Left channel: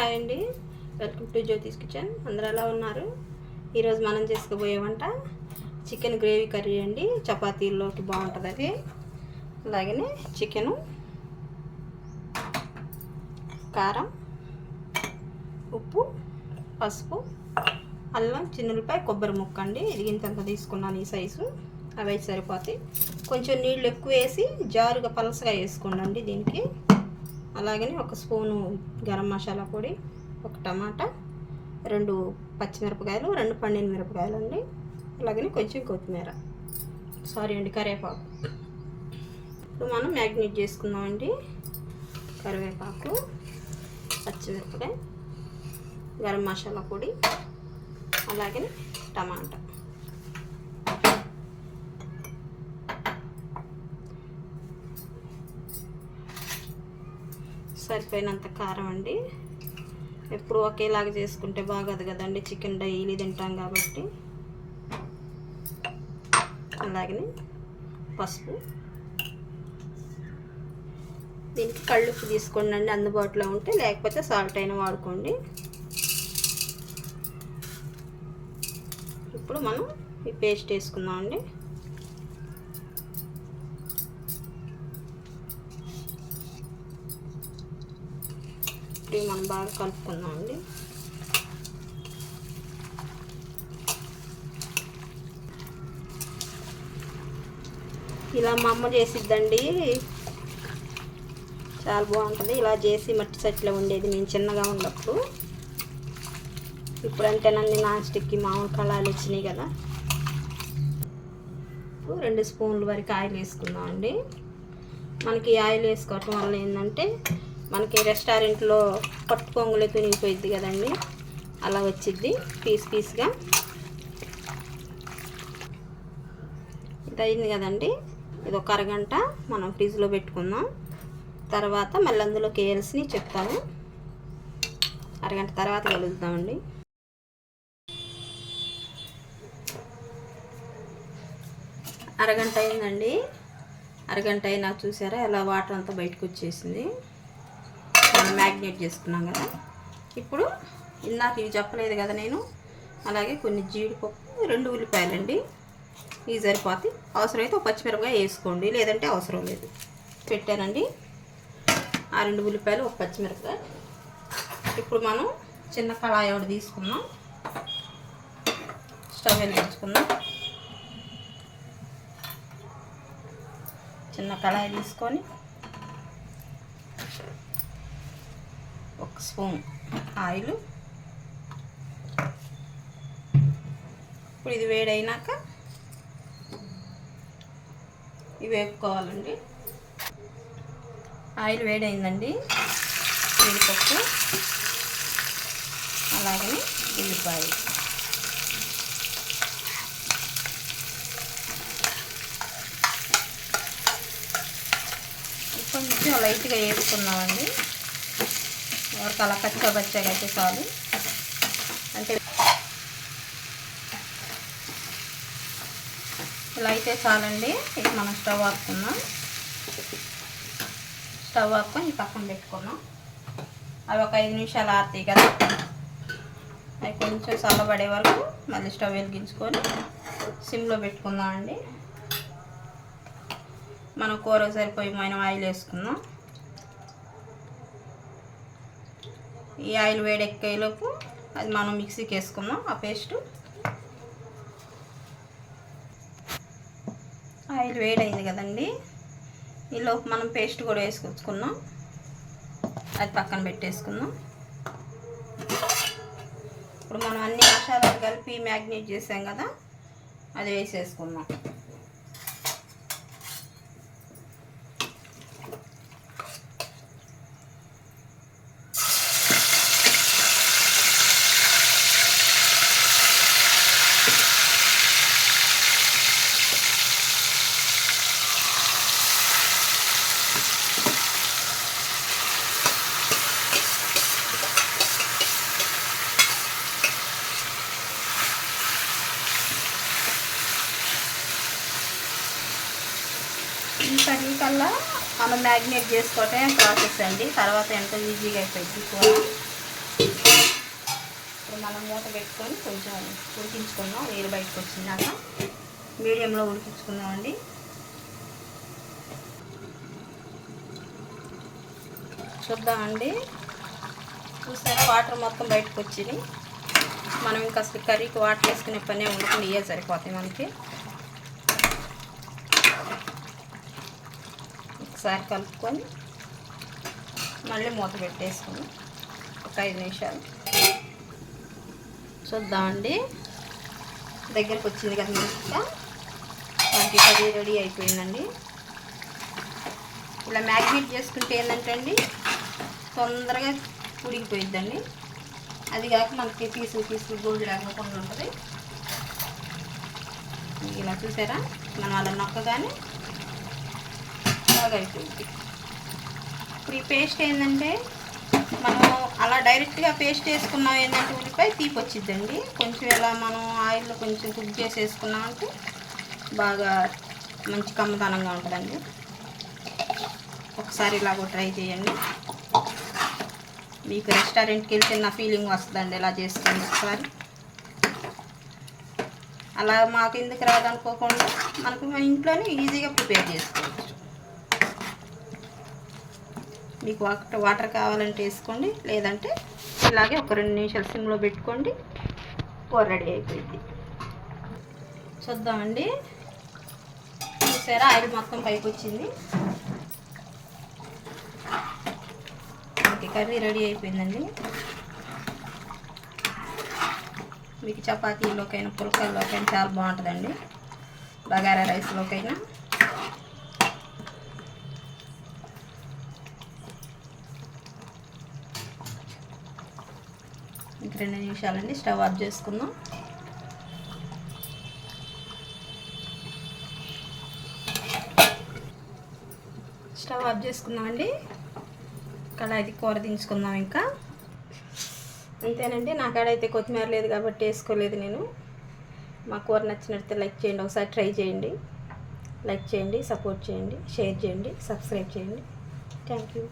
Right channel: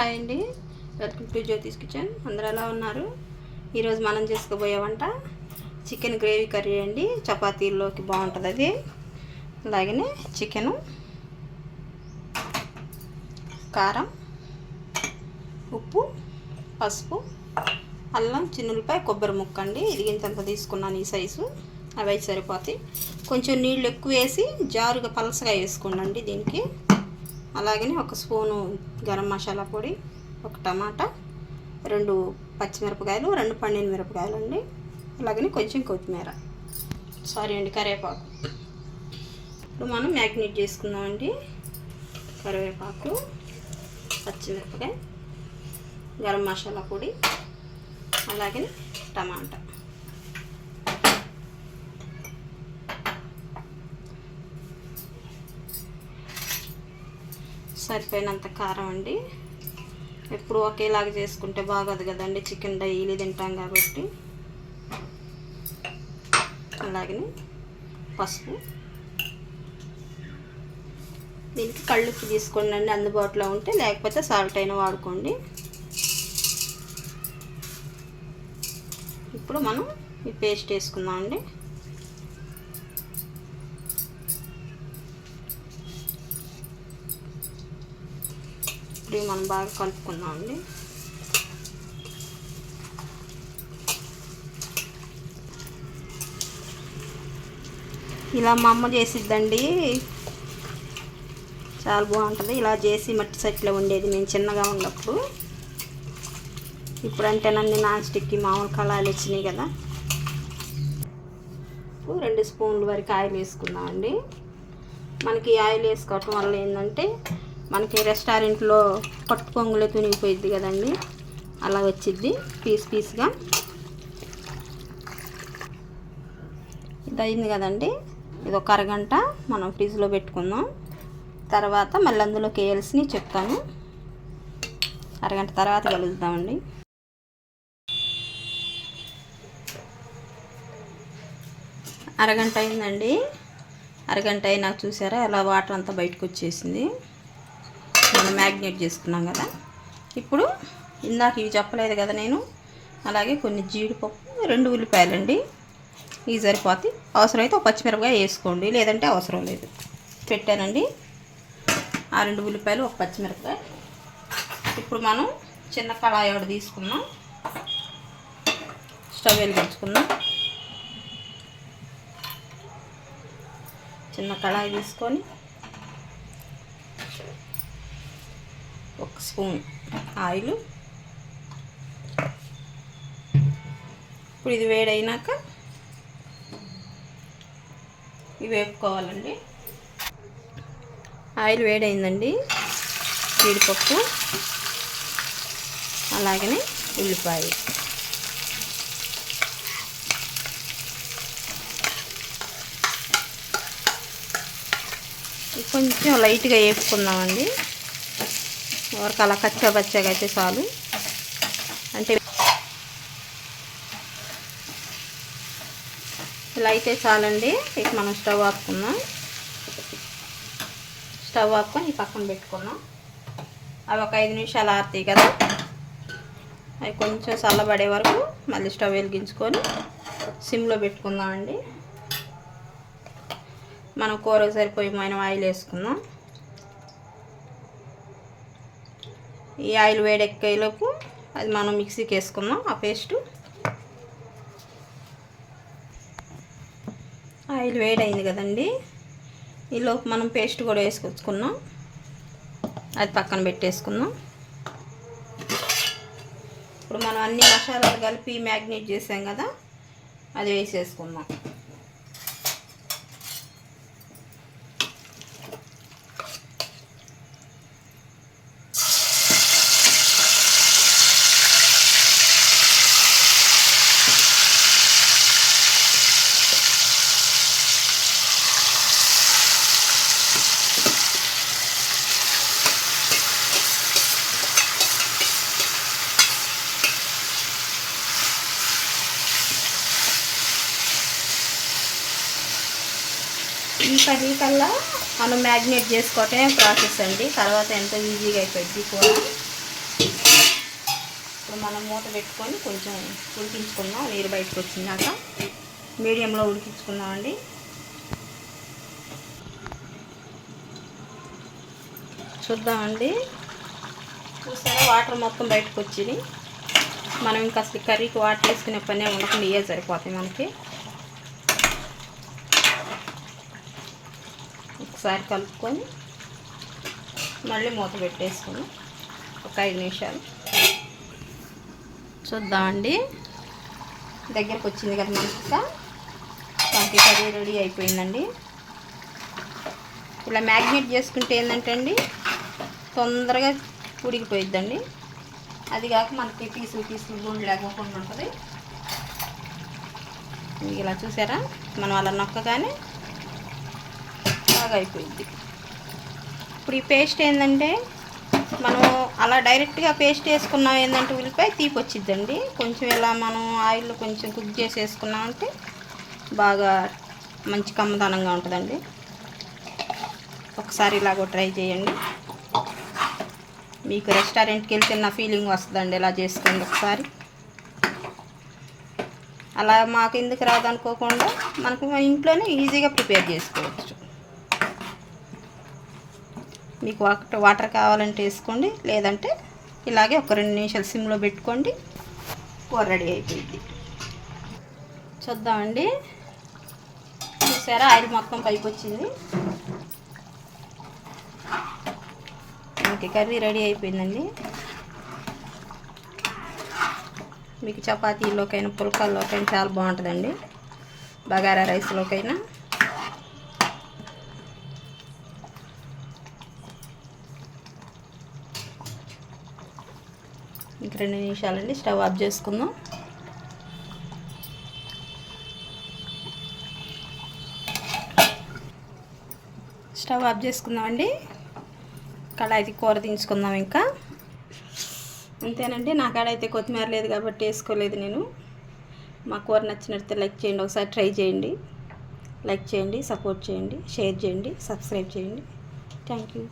Hi అండి, welcome to Jyothish kitchen. అందరూ ఎలా ఉన్నారు? ఈరోజు మనం చేసుకోబోయే వంట చికెన్ గ్రేవీ కర్రీ అండి. చపాతీల్లోకి బాగుంటుంది అది. అలాగనే చికెను, కారం, ఉప్పు, పసుపు, అల్లం, చిన్నులపాయ, కొబ్బరి ముక్క అండి. ఇరిగింతంత తీసుకున్నాను ఈ సైజు. అవి అయితే సరిపోతాయి. కొంచెం నీళ్ళు ఎక్కువ వేసి జారుగా పలసగా వేసుకోండి దీనికి. అలాగనే ఒక స్పూను గరం మసాలా పొడి, ఒక టమాటా, 2 పచ్చిమిరపకాయలు, 2 పండిన మిరపకాయలు అండి. అలాగనే కొంచెం కొత్తిమీర, కరివేపాకు. ఇప్పుడు మనం మ్యాగ్నేట్ చేసుకుందామండి. కరివేపాకు, పచ్చిమిరపకాయ, గరం మసాలా పొడి, అలాగనే టమాటా. సరిపోయినంత కారం అండి. ఎప్పుడు ఒకేలాగా చేసుకుంటే బాగోదు కదండి, చికెన్ డైలీ తింటాం కాబట్టి. అలాగనే పసుపు. దీనికి కళ్ళుప్పు తీసుకోండి అండి, అందుబాటులో ఉంటే. లేకపోతే సాల్ట్ అయినా వాడుకోండి. ఇప్పుడు మనం ఈ పేస్ట్ వేసుకుందాం అండి. ఇప్పుడు మనం బాగా కలుపుకుందాం అండి. ఇలా మా అమ్మ చేసిద్దండి, చాలా బాగుంటుంది. ఇలా చేసి మట్టి సెట్లో ఉండేది నేను చిన్నగా ఉన్నప్పుడు. ఇప్పుడంటేనండి నాన్ స్టిక్కి మామూలు కళాయిలు వచ్చినాయి కదా. ఇప్పుడు 2 స్పూన్ల వరకు ఆయిల్ వేసుకుందామండి. మనకి ఆయిల్ వేసుకోవటం వల్ల ఏంటంటే, మనకి రెస్టారెంట్లో పట్టు పొంగులో తునిగిపోయిద్ది కదండి, అలా వచ్చిద్ది పీస్గా. ఇది అయింది కదండి. ఇది ఒక అరగంట మనం ఫ్రిడ్జ్లో పెట్టుకుందాం. తర్వాత మళ్ళీ అందులోకి వేయాల్సినవి చెప్తాను. అరగంట తర్వాత కలుగుతామండి. అరగంట అయిందండి. అరగంట అయినాక చూసారా ఎలా వాటర్ అంతా బయటకు వచ్చేసింది. మనం మ్యాగ్నేట్ చేసుకున్నాం కదా. ఇప్పుడు ఇందాక ఇవి చెప్పలేదు కదా నేను. అలాగే కొన్ని జీడిపప్పు, 2 ఉల్లిపాయలండి. ఇవి సరిపోతాయి. అవసరమైతే ఒక పచ్చిమిరపకాయ వేసుకోండి, లేదంటే అవసరం లేదు. పెట్టానండి ఆ 2 ఉల్లిపాయలు, ఒక పచ్చిమిరపకాయ. ఇప్పుడు మనం చిన్న కళాయి ఒకటి తీసుకున్నాం. స్టవ్ వెలిగించుకుందాం. చిన్న కళాయి తీసుకొని 1 స్పూన్ ఆయిల్. ఇప్పుడు ఇది వేడైనాక ఇవి వేపుకోవాలండి. ఆయిల్ వేడైందండి. జీడిపప్పు, అలాగనే ఉల్లిపాయ. కొంచెం లైట్గా వేపుకుందామండి. ఎవరికి అలా కచ్చా అయితే చాలు. అంటే ఇలా అయితే చాలండి. ఇక మనం స్టవ్ ఆపుకుందాం. స్టవ్ ఆపుకొని ఈ పక్కన పెట్టుకున్నాం. అవి ఒక 5 నిమిషాలు ఆరుతాయి కదా. అవి కొంచెం చల్లబడే వరకు మళ్ళీ స్టవ్ వెలిగించుకొని సిమ్లో పెట్టుకుందామండి. మనం కూరకు సరిపోయిన ఆయిల్ వేసుకుందాం. ఈ ఆయిల్ వేడెక్కేలోపు అది మనం మిక్సీకి వేసుకుందాం ఆ పేస్టు. ఆయిల్ వేడైంది కదండి. ఈలోపు మనం పేస్ట్ కూడా వేసుకొచ్చుకున్నాం. అది పక్కన పెట్టేసుకుందాం. ఇప్పుడు మనం అన్ని మసాలాలు కలిపి మ్యాగ్నేట్ చేసాం కదా, అది వేసేసుకుందాం. ఈ కర్రీ కల్లా మనం మ్యాగ్నేట్ చేసుకోవటమే ప్రాసెస్ అండి. తర్వాత ఎంతో ఈజీగా అయిపోయింది కూర. ఇప్పుడు మనం మూత పెట్టుకొని కొంచెం ఉడికించుకుందాం. నీరు బయటకు వచ్చిందాక మీడియంలో ఉడికించుకుందామండి. చూద్దామండి. చూసారా వాటర్ మొత్తం బయటకు వచ్చింది. మనం ఇంకా అసలు కర్రీకి వాటర్ వేసుకునే పనే ఉండకుండా ఇవే సరిపోతాయి మనకి. ఒకసారి కలుపుకొని మళ్ళీ మూత పెట్టేసుకొని ఒక 5 నిమిషాలు చూద్దామండి. దగ్గరకు వచ్చింది కదా మంచిగా. మనకి కర్రీ రెడీ అయిపోయిందండి. ఇలా మ్యాగ్నేట్ చేసుకుంటే ఏంటంటే అండి తొందరగా ఉడికిపోయిద్దండి. అది కాక మనకి పీసులు గుళ్ళు లేకుండా ఉంటుంది. ఇలా చూసారా, మనం అలా నొక్కగానే బాగా అయిపోయింది. ఇప్పుడు ఈ పేస్ట్ ఏంటంటే మనం అలా డైరెక్ట్గా పేస్ట్ వేసుకున్నాం ఏంటంటే ఉల్లిపాయ తీపి వచ్చిద్దండి. కొంచెం ఇలా మనం ఆయిల్లో కొంచెం కుక్ చేసి వేసుకున్నామంటే బాగా మంచి కమ్మదనంగా ఉంటుందండి. ఒకసారి ఇలాగో ట్రై చేయండి. మీకు రెస్టారెంట్కి వెళ్తే నా ఫీలింగ్ వస్తుందండి. ఇలా చేసుకోండి ఒకసారి. అలా మాకు ఎందుకు రాదనుకోకుండా మనకు ఇంట్లోనే ఈజీగా ప్రిపేర్ చేసుకోవచ్చు. మీకు వాటర్ కావాలంటే వేసుకోండి, లేదంటే ఇలాగే ఒక 2 నిమిషాలు సిమ్లో పెట్టుకోండి. కూర రెడీ అయిపోయింది. చూద్దామండి. చూసారా, ఆయిల్ మొత్తం పైకి వచ్చింది. మనకి కర్రీ రెడీ అయిపోయిందండి. మీకు చపాతీలోకైనా పుల్కాల్లోకైనా చాలా బాగుంటుందండి. బగారా రైస్లోకైనా. ఇంక 2 నిమిషాలండి. స్టవ్ ఆఫ్ చేసుకుందాం. స్టవ్ ఆఫ్ చేసుకుందామండి. కళాయికి కూర దించుకుందాం. ఇంకా అంతేనండి. నా కాడైతే కొత్తిమీర లేదు కాబట్టి వేసుకోలేదు నేను. మా కూర నచ్చినట్లయితే లైక్ చేయండి. ఒకసారి ట్రై చేయండి. లైక్ చేయండి, సపోర్ట్ చేయండి, షేర్ చేయండి, సబ్స్క్రైబ్ చేయండి. Thank you.